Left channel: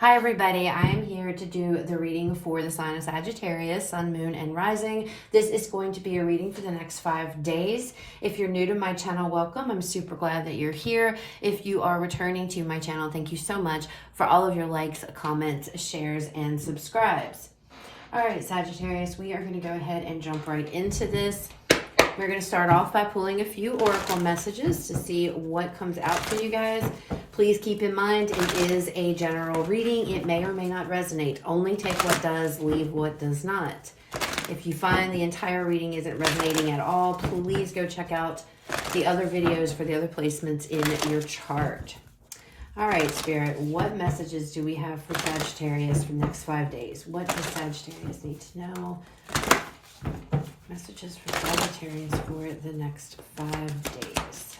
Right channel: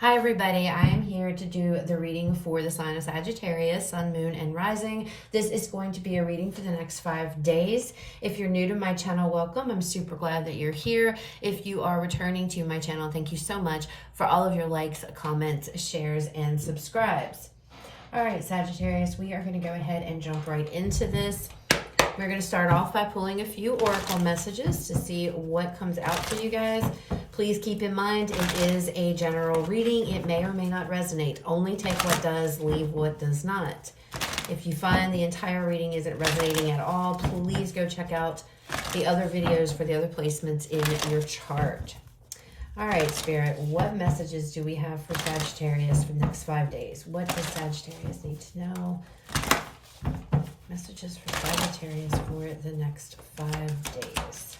Hi everybody, I am here to do the reading for the sign of Sagittarius, Sun, Moon, and Rising. This is going to be a reading for the next 5 days. If you're new to my channel, welcome. I'm super glad that you're here. If you are returning to my channel, thank you so much for all of your likes, comments, shares, and subscribes. All right, Sagittarius, we are going to go ahead and jump right into this. We're going to start off by pulling a few oracle messages to see what comes out for you guys. Please keep in mind it is a general reading. It may or may not resonate. Only take what does, leave what does not. If you find the entire reading isn't resonating at all, please go check out the other videos for the other placements in your chart. All right, Spirit, what messages do we have for Sagittarius for the next 5 days? What does Sagittarius need to know? Messages for Sagittarius for the next 5 days.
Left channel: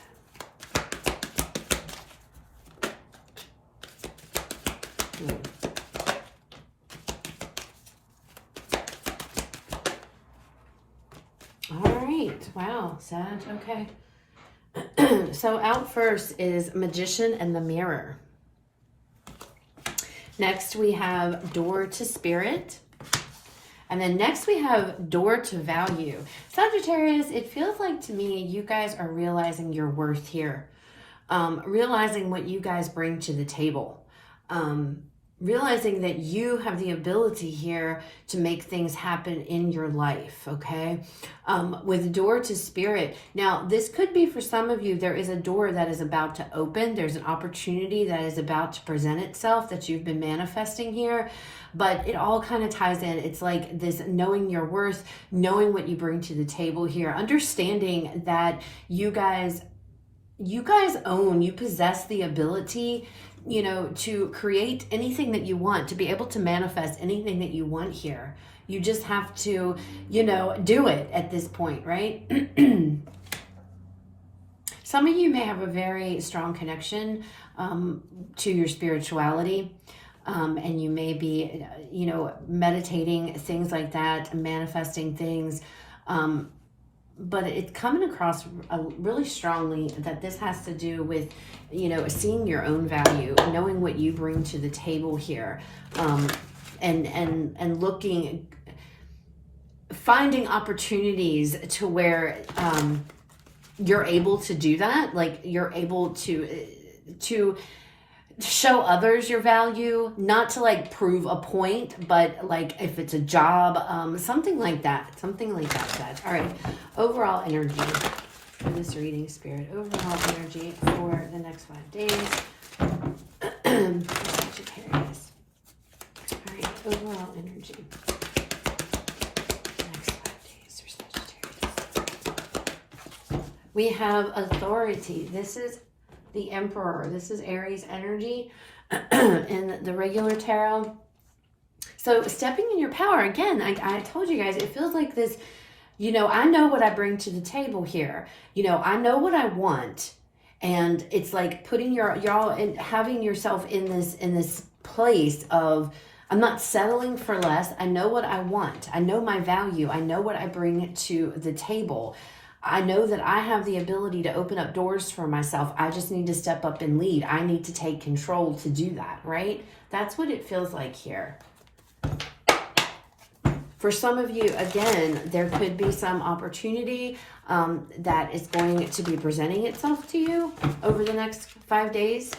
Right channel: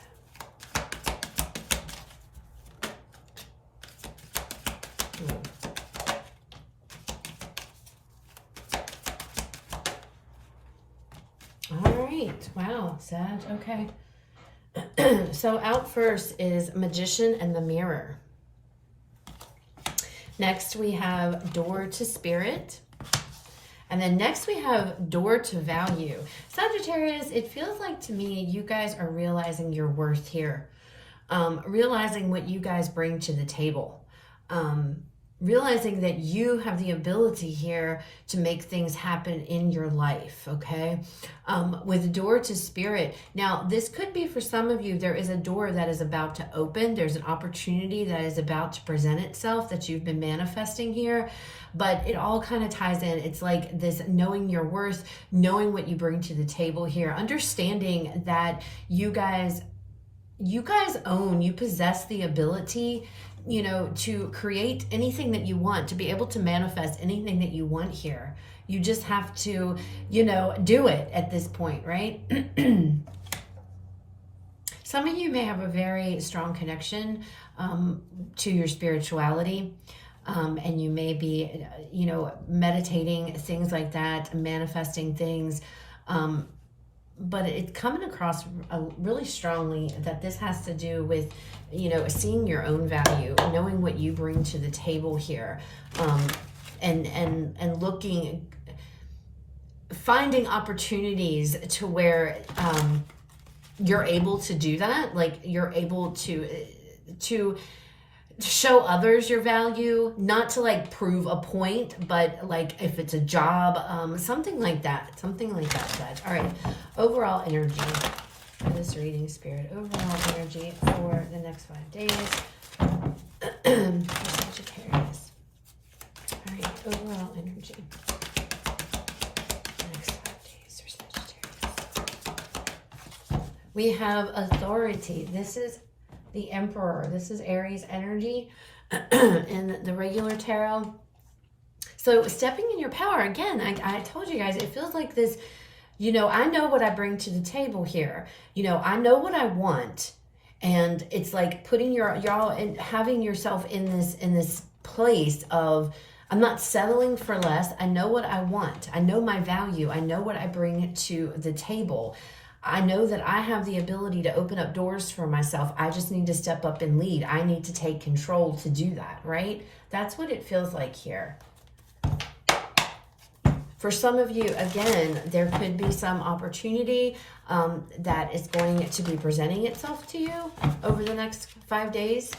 All right. Wow, Sag. Okay. So out first is Magician and the Mirror. Next we have Door to Spirit. And then next we have Door to Value. Sagittarius, it feels like to me you guys are realizing your worth here. Realizing what you guys bring to the table. Realizing that you have the ability here to make things happen in your life, okay? With Door to Spirit. Now, this could be for some of you, there is a door that is about to open. There's an opportunity that is about to present itself that you've been manifesting here. But it all kind of ties in. It's like this knowing your worth, knowing what you bring to the table here, understanding that you guys own, you possess the ability, you know, to create anything that you want, to be able to manifest anything that you want here. You just have to, you know, do it at this point, right? Some of you may have a very strong connection to your spirituality. And you may be, you know, meditating, things like that, manifesting things. But it's coming across really strongly that this has to do with, you know, seeing your own value, knowing what you bring to the table here, and looking, finding opportunities to where you're able to do that. Like you're able to show others your value, not to like prove a point, but like if it's a job, something like that, guys. All right, overall energy for this reading, Spirit. Overall energy for the next 5 days. Sagittarius. All right, overall energy. Next 5 days for Sagittarius. We have authority. This is the Emperor. This is Aries energy in the regular tarot. So stepping in your power, again, I told you guys, it feels like this, you know, I know what I bring to the table here. You know, I know what I want. And it's like putting y'all in, having yourself in this place of, I'm not settling for less. I know what I want. I know my value. I know what I bring to the table. I know that I have the ability to open up doors for myself. I just need to step up and lead. I need to take control to do that, right? That's what it feels like here. For some of you, again, there could be some opportunity that is going to be presenting itself to you over the next 5 days.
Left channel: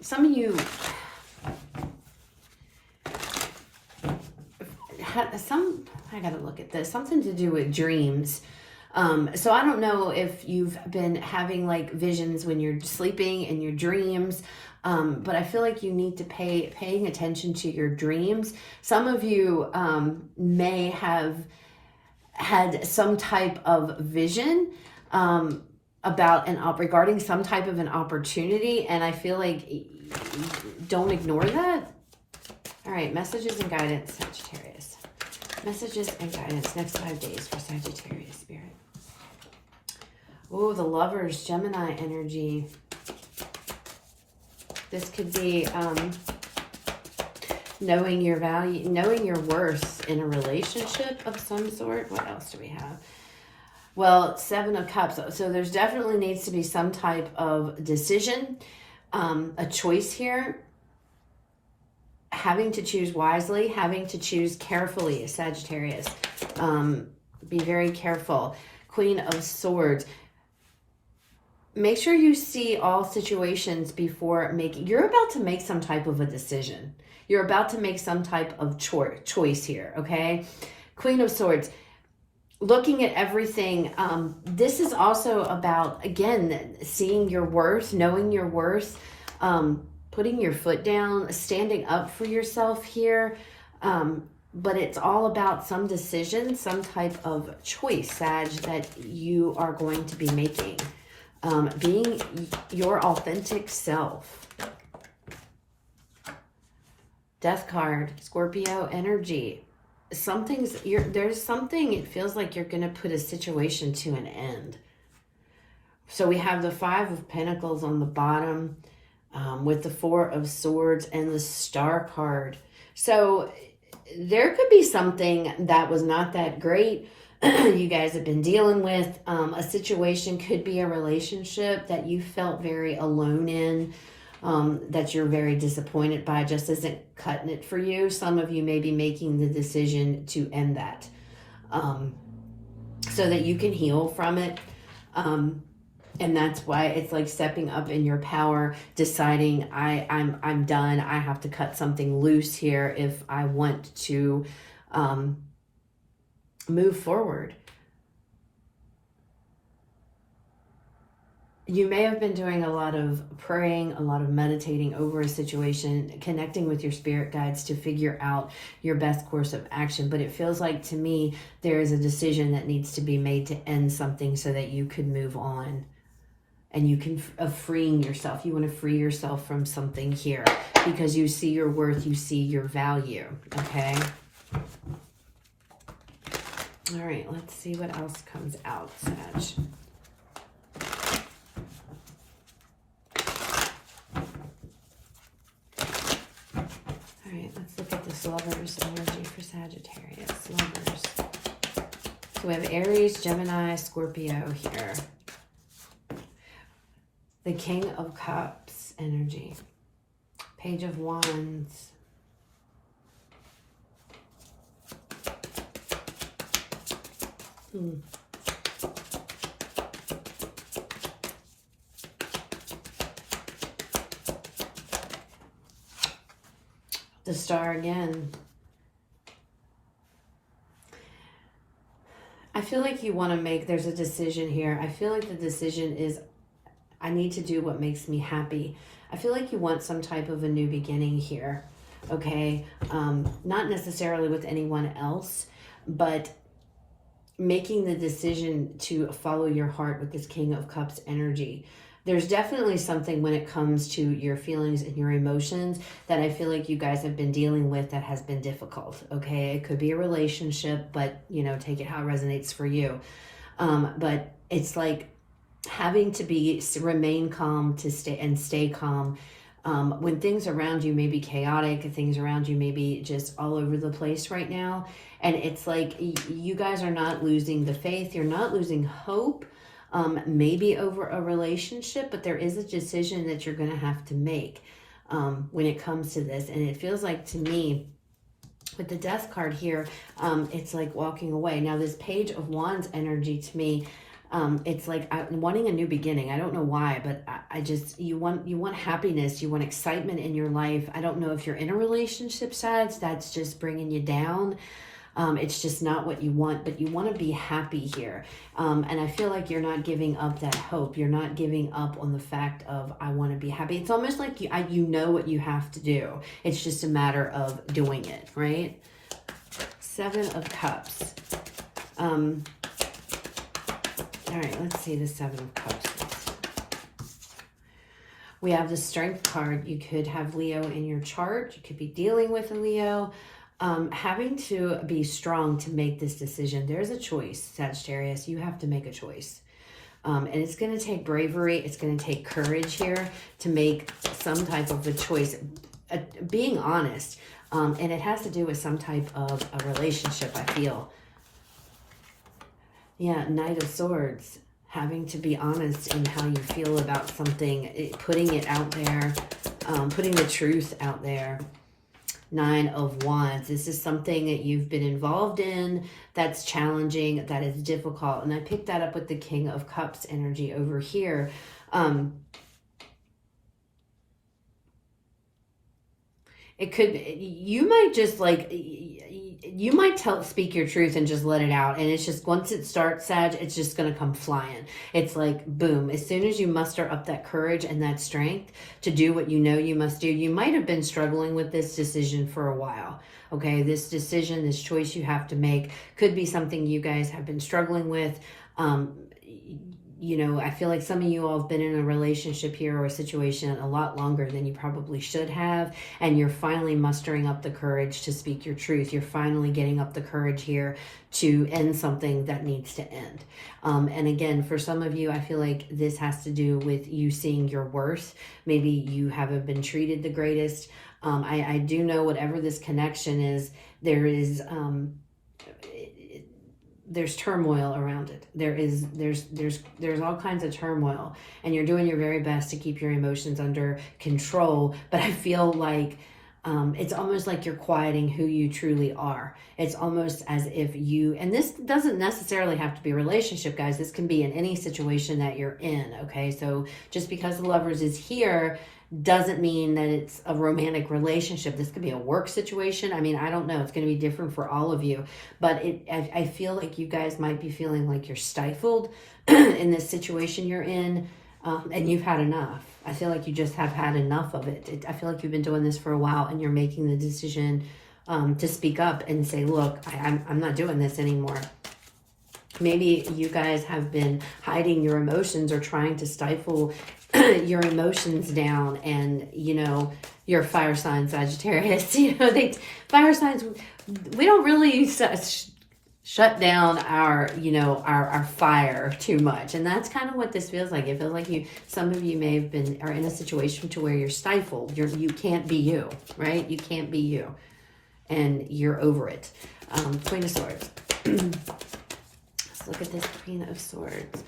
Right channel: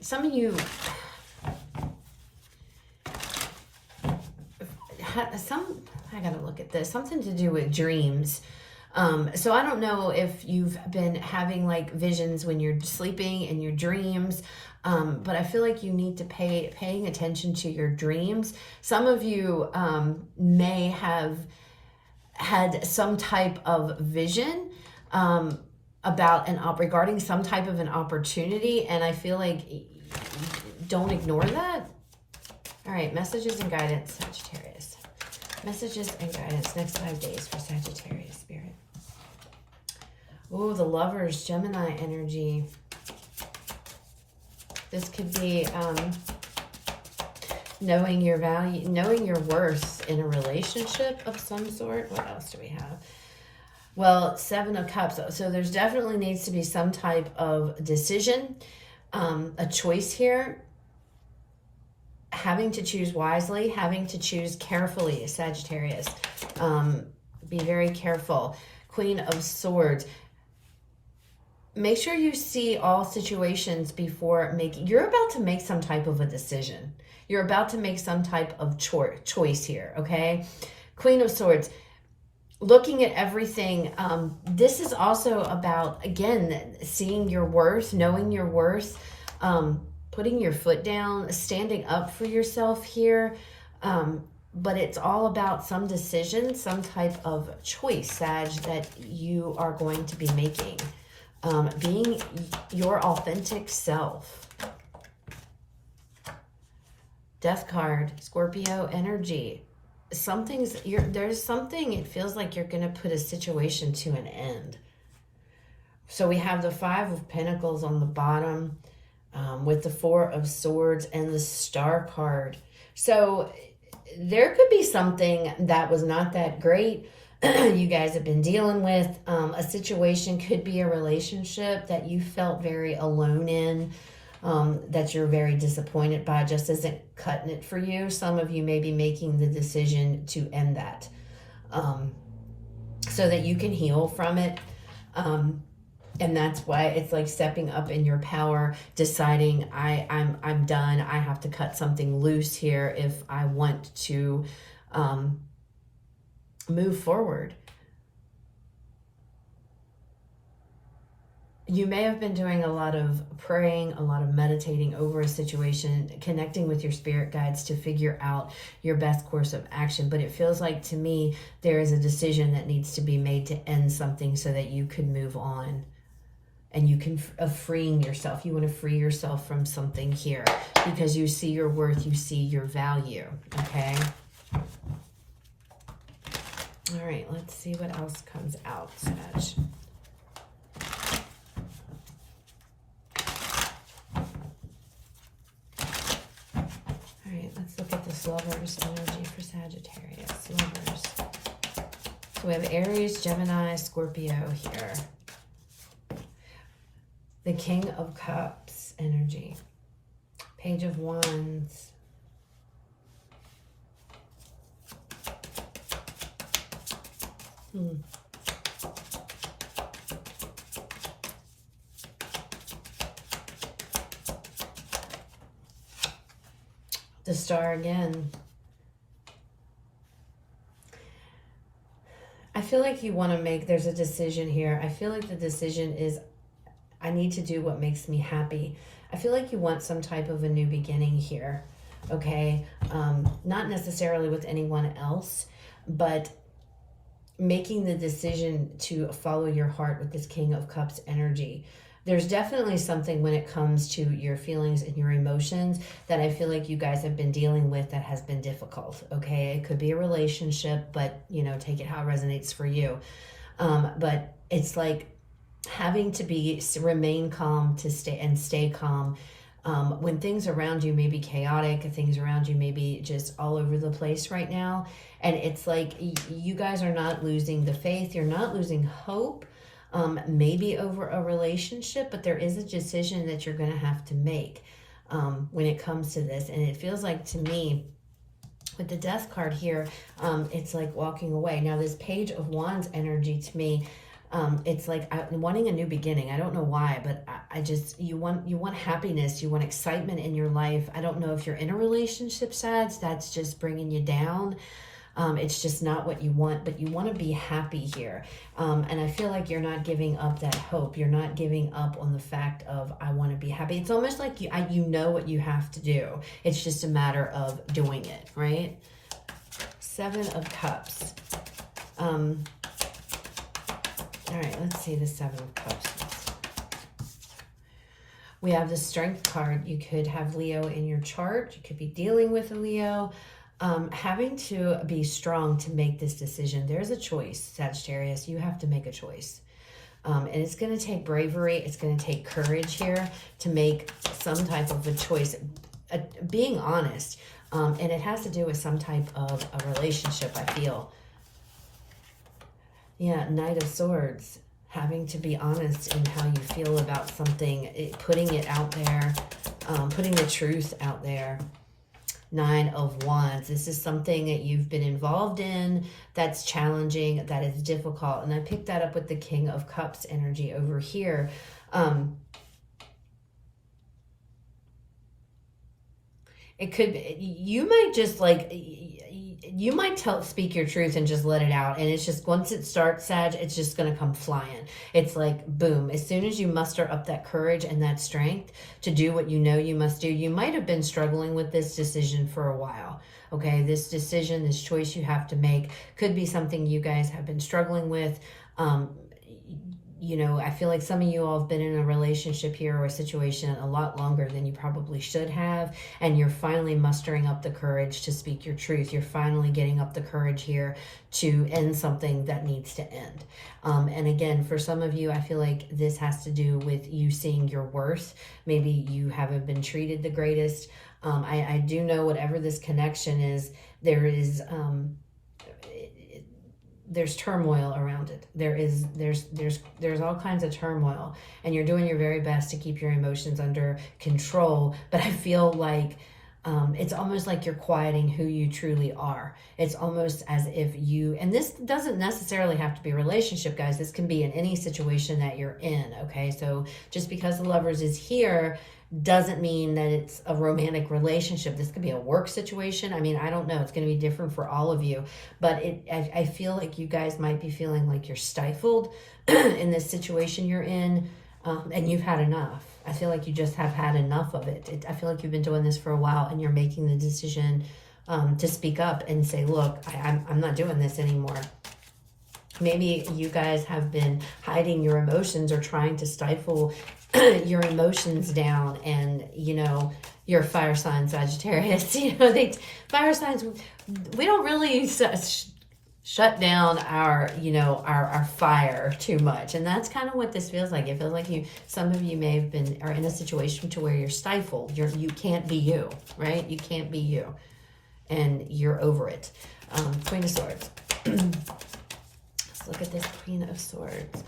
Some of you I gotta look at this, something to do with dreams. So I don't know if you've been having like visions when you're sleeping in your dreams, but I feel like you need to paying attention to your dreams. Some of you may have had some type of vision about regarding some type of an opportunity, and I feel like don't ignore that. All right, messages and guidance, Sagittarius. Messages and guidance next 5 days for Sagittarius, Spirit. Oh, the Lovers, Gemini energy. This could be knowing your value, knowing your worth in a relationship of some sort. What else do we have? Well, 7 of Cups. So there's definitely needs to be some type of decision a choice here, having to choose wisely, having to choose carefully, Sagittarius. Be very careful. Queen of Swords. Make sure you see all situations before making, you're about to make some type of a decision. You're about to make some type of choice here, okay? Queen of Swords. Looking at everything, this is also about, again, seeing your worth, knowing your worth, putting your foot down, standing up for yourself here. But it's all about some decision, some type of choice, Sag, that you are going to be making. Being your authentic self. Death card, Scorpio energy. There's something, it feels like you're going to put a situation to an end. So we have the Five of Pentacles on the bottom with the Four of Swords and the Star card. So there could be something that was not that great you guys have been dealing with. A situation could be a relationship that you felt very alone in, that you're very disappointed by, just isn't cutting it for you. Some of you may be making the decision to end that so that you can heal from it. And that's why it's like stepping up in your power, deciding I'm done. I have to cut something loose here if I want to move forward. You may have been doing a lot of praying, a lot of meditating over a situation, connecting with your spirit guides to figure out your best course of action. But it feels like to me, there is a decision that needs to be made to end something so that you could move on. And you can, freeing yourself. You want to free yourself from something here because you see your worth, you see your value, okay? All right, let's see what else comes out, Sag. All right, let's look at this Lovers energy for Sagittarius. Lovers. So we have Aries, Gemini, Scorpio here. The King of Cups energy. Page of Wands. The Star again. I feel like you want to make, there's a decision here. I feel like the decision is, I need to do what makes me happy. I feel like you want some type of a new beginning here, okay? Not necessarily with anyone else, but making the decision to follow your heart with this King of Cups energy. There's definitely something when it comes to your feelings and your emotions that I feel like you guys have been dealing with that has been difficult, okay? It could be a relationship, but, you know, take it how it resonates for you. But it's like having to remain calm to stay calm when things around you may be chaotic, things around you may be just all over the place right now. And it's like you guys are not losing the faith. You're not losing hope, maybe over a relationship, but there is a decision that you're going to have to make when it comes to this. And it feels like to me, with the Death card here, it's like walking away. Now, this Page of Wands energy to me, it's like I'm wanting a new beginning. I don't know why, but I just, you want happiness. You want excitement in your life. I don't know if you're in a relationship, Sag, that's just bringing you down. It's just not what you want, but you want to be happy here. And I feel like you're not giving up that hope. You're not giving up on the fact of, I want to be happy. It's almost like you know what you have to do. It's just a matter of doing it, right? Seven of Cups. All right, let's see the Seven of Cups. We have the Strength card. You could have Leo in your chart. You could be dealing with a Leo. Having to be strong to make this decision. There's a choice, Sagittarius. You have to make a choice. And it's going to take bravery. It's going to take courage here to make some type of a choice. Being honest. And it has to do with some type of a relationship, I feel. Yeah, Knight of Swords. having to be honest in how you feel about something, putting it out there, putting the truth out there. 9 of Wands. This is something that you've been involved in that's challenging, that is difficult. And I picked that up with the King of Cups energy over here. It could, you might just like, you might speak your truth and just let it out. And it's just, once it starts, Sag, it's just going to come flying. It's like, boom. As soon as you muster up that courage and that strength to do what you know you must do, you might have been struggling with this decision for a while. Okay, this decision, this choice you have to make could be something you guys have been struggling with. You know, I feel like some of you all have been in a relationship here or a situation a lot longer than you probably should have. And you're finally mustering up the courage to speak your truth. You're finally getting up the courage here to end something that needs to end. And again, for some of you, I feel like this has to do with you seeing your worth. Maybe you haven't been treated the greatest. I do know whatever this connection is, there's turmoil around it. There's all kinds of turmoil, and you're doing your very best to keep your emotions under control. But I feel like it's almost like you're quieting who you truly are. It's almost as if you, and this doesn't necessarily have to be a relationship, guys. This can be in any situation that you're in, okay? So just because the Lovers is here doesn't mean that it's a romantic relationship. This could be a work situation. I mean, I don't know. It's going to be different for all of you. But I feel like you guys might be feeling like you're stifled in this situation you're in, and you've had enough. I feel like you just have had enough of it. I feel like you've been doing this for a while, and you're making the decision to speak up and say, look, I'm not doing this anymore. Maybe you guys have been hiding your emotions or trying to stifle your emotions down, and you know, you're a fire sign, Sagittarius. You know, fire signs, we don't really shut down our, you know, our fire too much, and that's kind of what this feels like. It feels like some of you may have been, are in a situation to where you're stifled. You can't be you, right? You can't be you, and you're over it. Queen of Swords. Let's look at this Queen of Swords.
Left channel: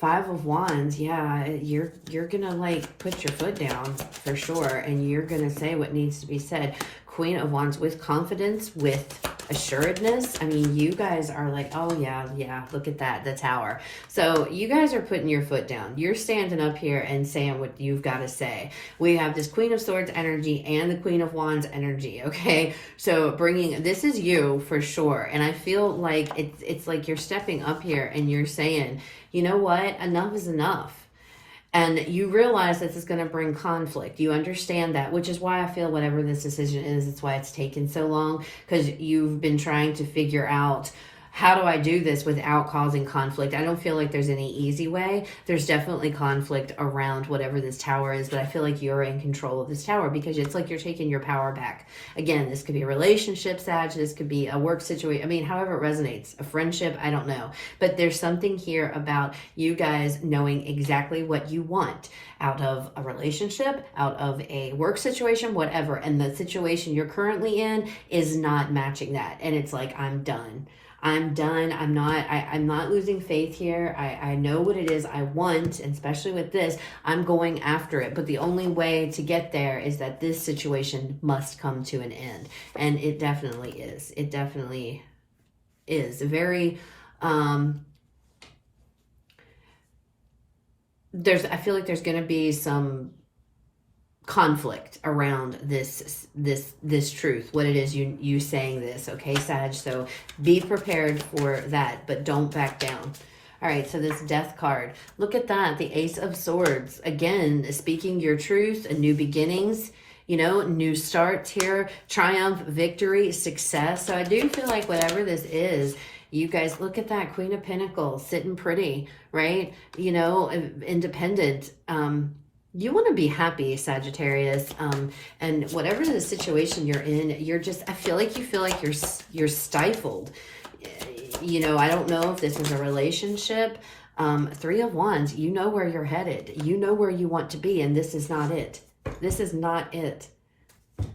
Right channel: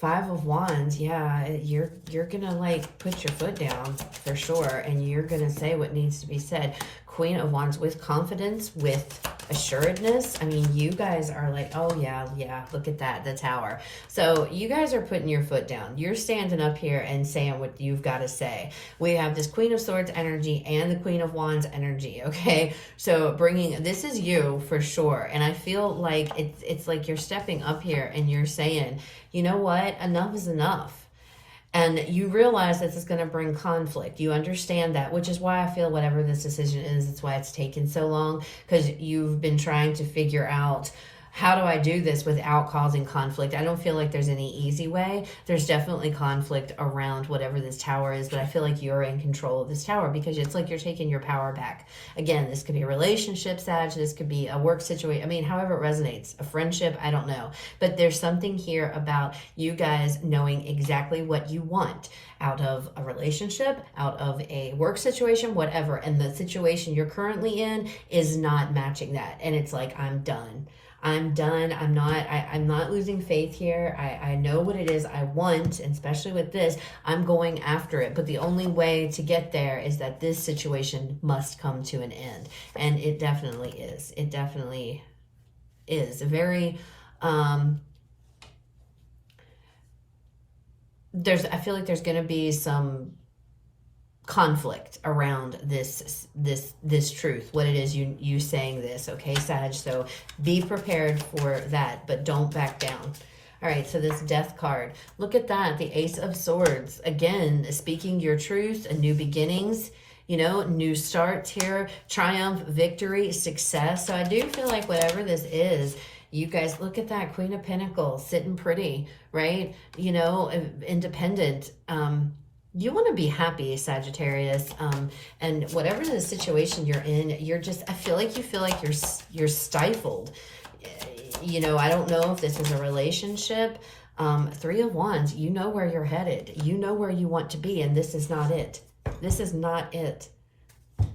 5 of Wands, yeah, you're gonna like put your foot down for sure, and you're gonna say what needs to be said. Queen of Wands, with confidence, with assuredness. I mean, you guys are like, oh yeah, look at that, the Tower. So you guys are putting your foot down. You're standing up here and saying what you've got to say. We have this Queen of Swords energy and the Queen of Wands energy, okay? So this is you for sure. And I feel like it's like you're stepping up here and you're saying, you know what, enough is enough. And you realize this is going to bring conflict. You understand that, which is why I feel whatever this decision is, it's why it's taken so long, because you've been trying to figure out, how do I do this without causing conflict? I don't feel like there's any easy way. There's definitely conflict around whatever this Tower is, but I feel like you're in control of this Tower because it's like you're taking your power back. Again, this could be a relationship, Sag. This could be a work situation. I mean, however it resonates. A friendship, I don't know. But there's something here about you guys knowing exactly what you want out of a relationship, out of a work situation, whatever. And the situation you're currently in is not matching that. And it's like, I'm done. I'm done. I'm not losing faith here. I know what it is I want, and especially with this, I'm going after it. But the only way to get there is that this situation must come to an end. And it definitely is. It definitely is. Very, I feel like there's going to be some conflict around this truth, what it is you saying this, okay, Sag? So be prepared for that, but don't back down. All right, so this Death card, look at that, the Ace of Swords. Again, speaking your truth and new beginnings, you know, new starts here, triumph, victory, success. So I do feel like whatever this is, you guys, look at that Queen of Pentacles sitting pretty, right? You know, independent. You want to be happy, Sagittarius, and whatever the situation you're in, I feel like you're stifled. You know, I don't know if this is a relationship. 3 of Wands, you know where you're headed. You know where you want to be, and this is not it. This is not it.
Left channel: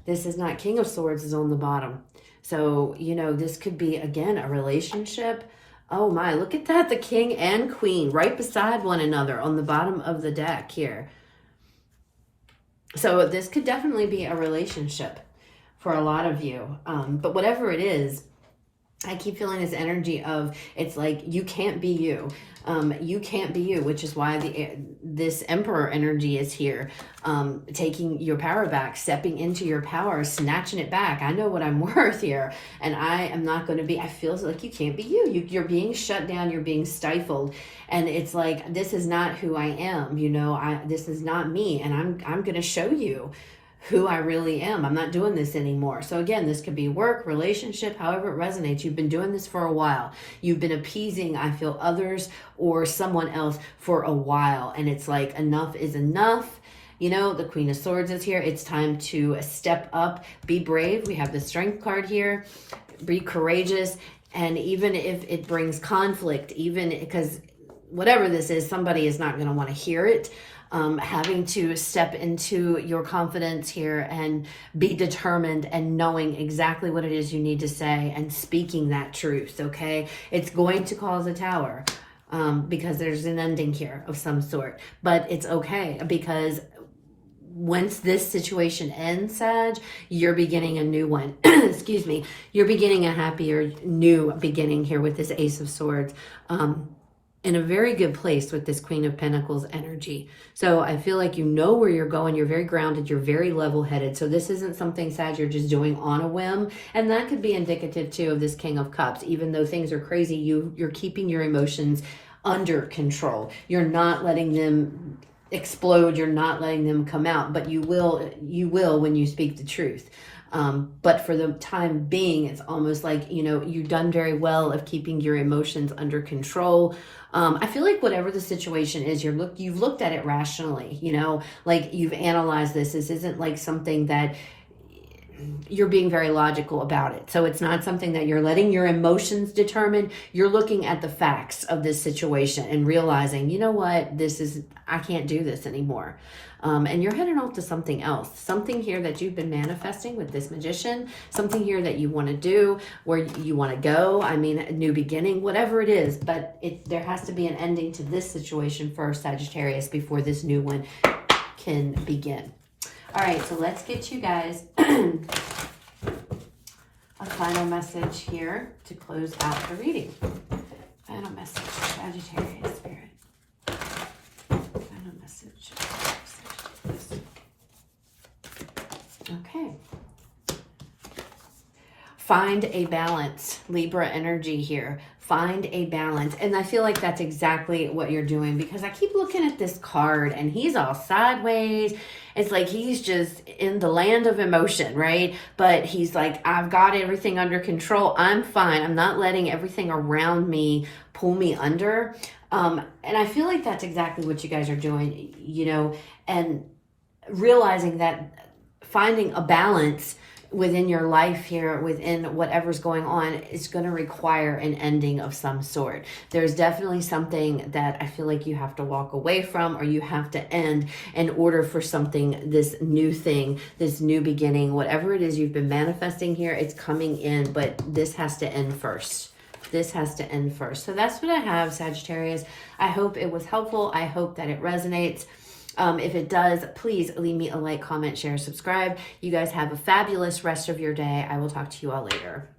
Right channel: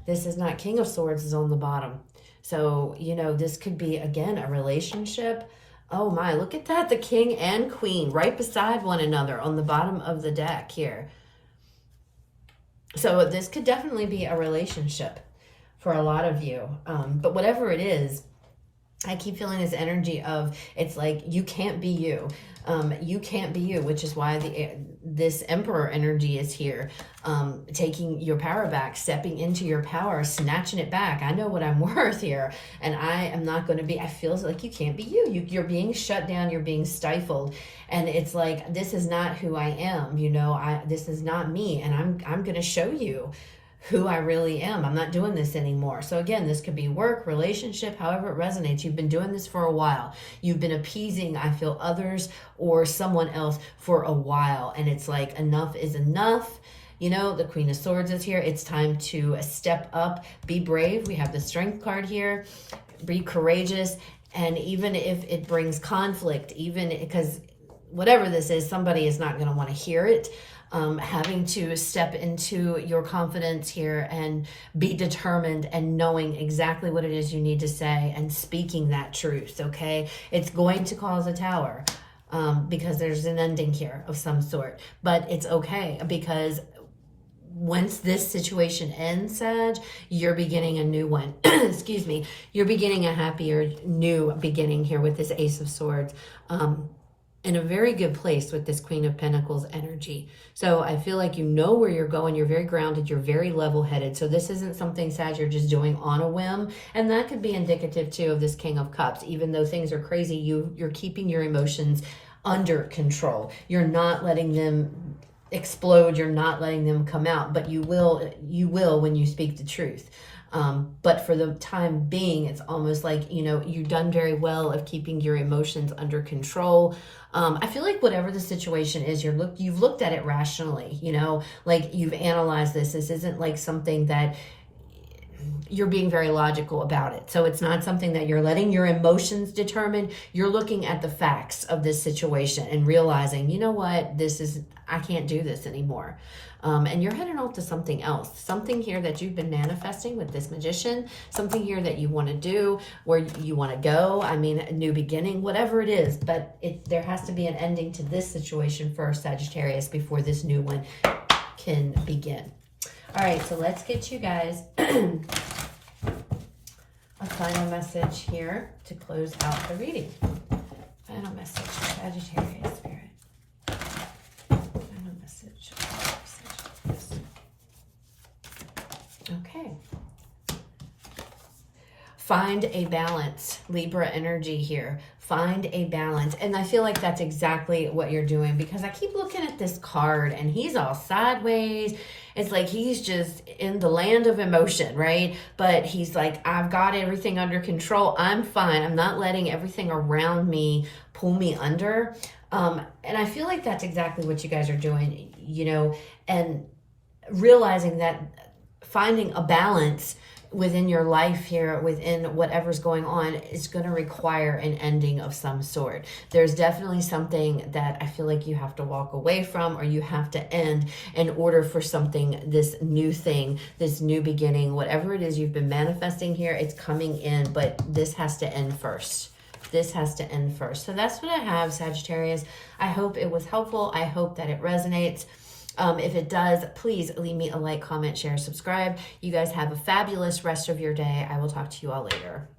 This is not. King of Swords is on the bottom. So, you know, this could be, again, a relationship. Oh my, look at that. The king and queen right beside one another on the bottom of the deck here. So this could definitely be a relationship for a lot of you. But whatever it is, I keep feeling this energy of, it's like, you can't be you. You can't be you, which is why this Emperor energy is here. Taking your power back, stepping into your power, snatching it back. I know what I'm worth here, and I am not going to be, I feel like you can't be you. You're being shut down, you're being stifled. And it's like, this is not who I am, you know, this is not me, and I'm going to show you who I really am. I'm not doing this anymore. So again, this could be work, relationship, however it resonates. You've been doing this for a while. You've been appeasing, I feel, others or someone else for a while. And it's like, enough is enough. You know, the Queen of Swords is here. It's time to step up, be brave. We have the Strength card here. Be courageous. And even if it brings conflict, even because whatever this is, somebody is not going to want to hear it. Having to step into your confidence here and be determined and knowing exactly what it is you need to say and speaking that truth, okay? It's going to cause a tower because there's an ending here of some sort. But it's okay, because once this situation ends, Sag, you're beginning a new one. Excuse me. You're beginning a happier new beginning here with this Ace of Swords. In a very good place with this Queen of Pentacles energy. So I feel like you know where you're going. You're very grounded. You're very level-headed. So this isn't something, Sag, you're just doing on a whim. And that could be indicative, too, of this King of Cups. Even though things are crazy, you're keeping your emotions under control. You're not letting them explode. You're not letting them come out. But you will when you speak the truth. But for the time being, it's almost like, you know, you've done very well of keeping your emotions under control. I feel like whatever the situation is, you've looked at it rationally, you know, like you've analyzed this. This isn't like something that you're being very logical about it. So it's not something that you're letting your emotions determine. You're looking at the facts of this situation and realizing, you know what, I can't do this anymore. And you're heading off to something else, something here that you've been manifesting with this Magician, something here that you want to do, where you want to go. I mean, a new beginning, whatever it is, but there has to be an ending to this situation first, Sagittarius, before this new one can begin. All right, so let's get you guys a final message here to close out the reading. Final message, Sagittarius Spirit. Final message. Okay. Find a balance, Libra energy here. Find a balance. And I feel like that's exactly what you're doing, because I keep looking at this card and he's all sideways. It's like he's just in the land of emotion, right? But he's like, I've got everything under control. I'm fine. I'm not letting everything around me pull me under. And I feel like that's exactly what you guys are doing, you know, and realizing that finding a balance within your life here, within whatever's going on, is going to require an ending of some sort. There's definitely something that I feel like you have to walk away from, or you have to end in order for something, this new thing, this new beginning, whatever it is you've been manifesting here, it's coming in, but this has to end first. This has to end first. So that's what I have, Sagittarius. I hope it was helpful. I hope that it resonates. If it does, please leave me a like, comment, share, subscribe. You guys have a fabulous rest of your day. I will talk to you all later.